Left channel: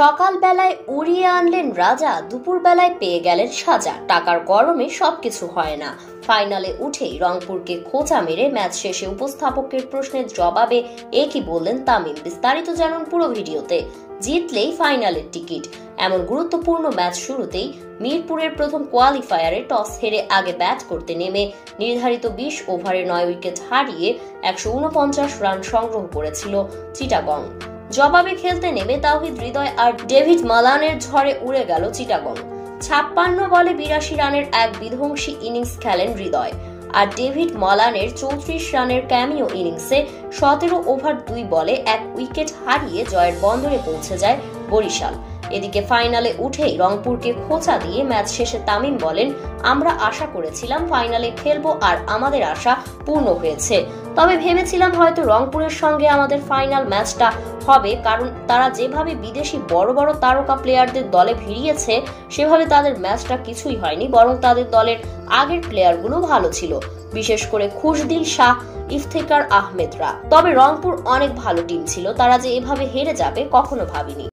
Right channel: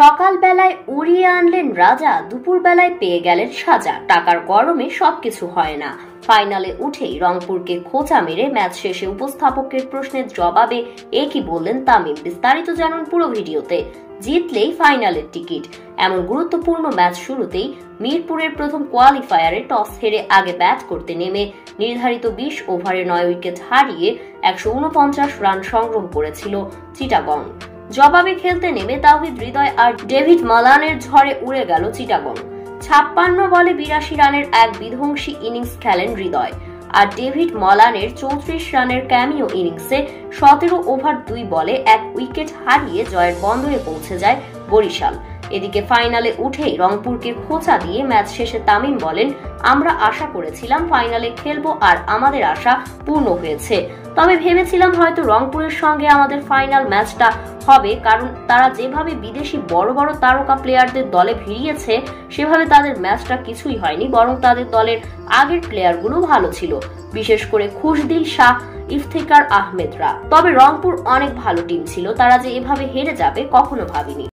সকালবেলায় উড়িয়ে আনলেন রাজা, দুপুরবেলায় পেয়ে গেলেন সাজা। টাকার গরমে সবকিছু হয় না। ফাইনালে উঠেই রংপুরকে খোঁচা মেরে ম্যাচ শেষে উপস্থাপকের প্রশ্নের জবাবে একই বললেন তামিম। বিস্তারিত জানুন পুরো ভিডিওতে। জিতলেই ফাইনালের টিকিট। এমন গুরুত্বপূর্ণ ম্যাচ শুরুতেই মিরপুরের প্রথম কোয়ালিফায়ারে টস হেরে আগে ব্যাট করতে নেমে নির্ধারিত 20 ওভারে 9 উইকেট হারিয়ে 149 রান সংগ্রহ করেছিল চিটাগং। জবাবে খেলতে নেমে তাওহিদ হৃদয় আর ডেভিড মালানের ঝড়ে উড়ে গেল চিটাগং। 56 বলে 82 রানের এক বিধ্বংসী ইনিংস খেলেন হৃদয়, আর ডেভিড মালানের 34 রানের ক্যামিও ইনিংসে 17 ওভার 2 বলে 1 উইকেট হারিয়ে জয়ের বন্দরে পৌঁছে যায় বরিশাল। এদিকে ফাইনালে উঠেই রংপুরকে খোঁচা দিয়ে ম্যাচ শেষে তামিম বলেন, আমরা আশা করেছিলাম ফাইনালে খেলবো আর আমাদের আশা পূর্ণ হয়েছে। তবে ভেবেছিলাম হয়তো রংপুরের সঙ্গে আমাদের ফাইনাল ম্যাচটা হবে, কারণ তারা যেভাবে বিদেশি বড় বড় তারকা প্লেয়ারদের দলে ভিড়িয়েছে সেভাবে তাদের ম্যাচটা কিছুই হয়নি, বরং তাদের দলের আগের প্লেয়ারগুলো ভালো ছিল, বিশেষ করে খুশদিল শাহ, ইফতেখার আহমেদরা। তবে রংপুর অনেক ভালো টিম ছিল, তারা যে এভাবে হেরে যাবে কখনো ভাবিনি।